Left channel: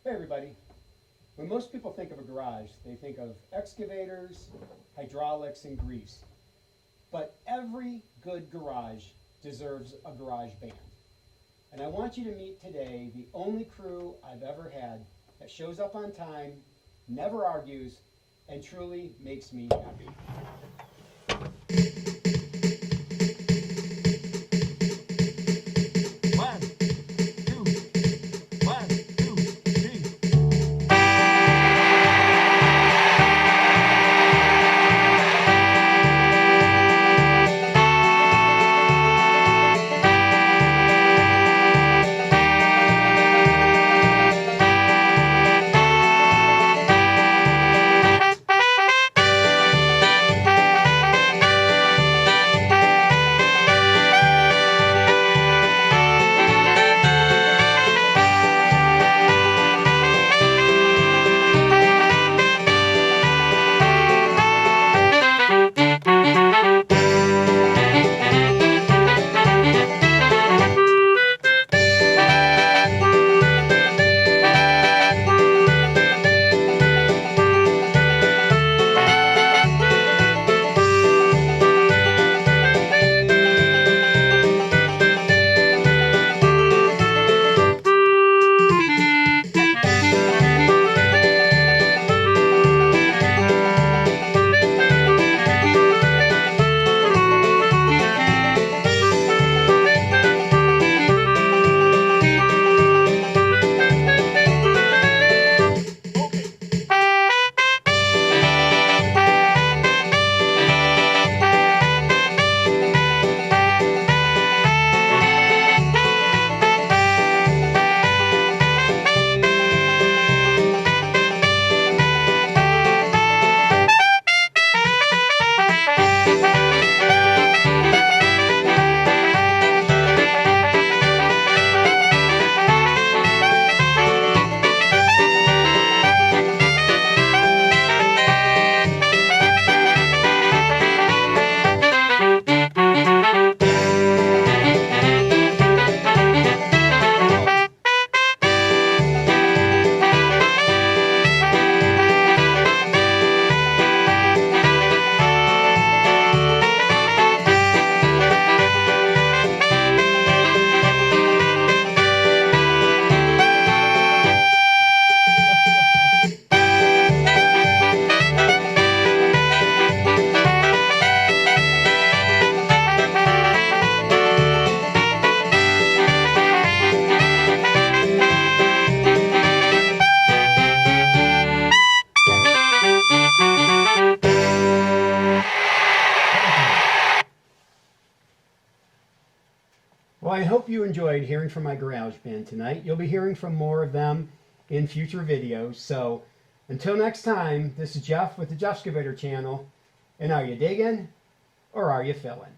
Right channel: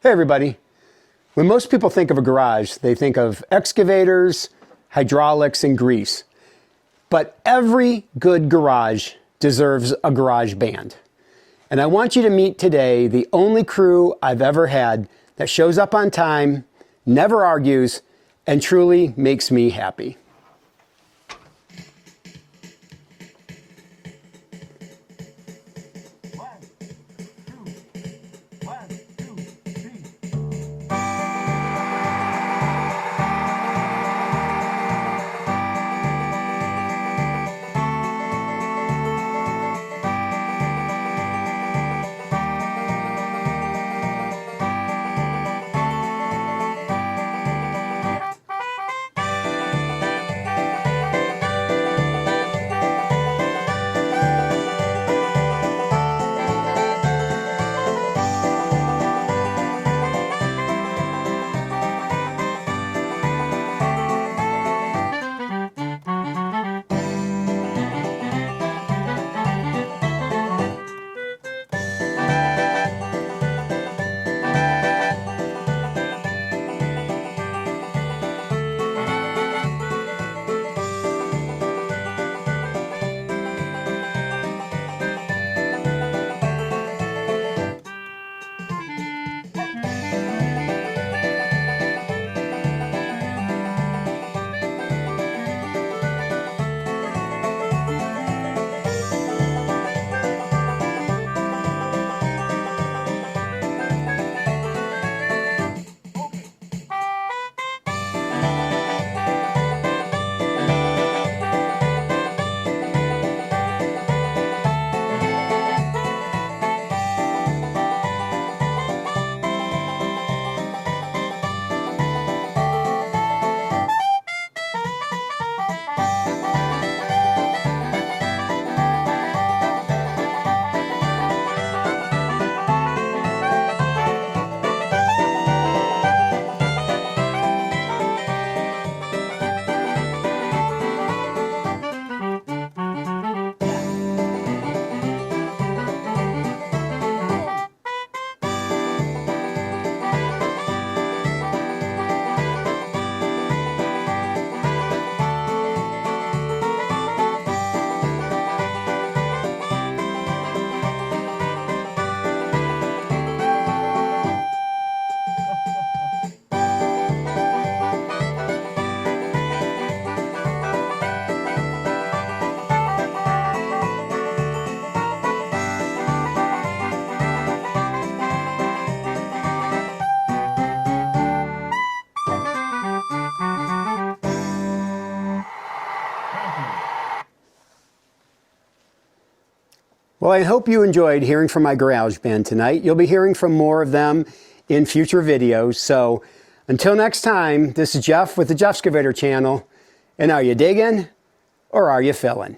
Hey everybody. When most people think of a garage, they think of excavators, hydraulics, and grease. But every good garage deserves a garage band. And I want you to meet today the only crew I've ever had that shows up on time, never argues, and truly makes me happy. Well, I hope you enjoyed hearing from my garage band tonight. You'll be hearing from more of them in future videos. So until next time, this is Jeff with the Jeffskivator channel. And are you digging or are you filling?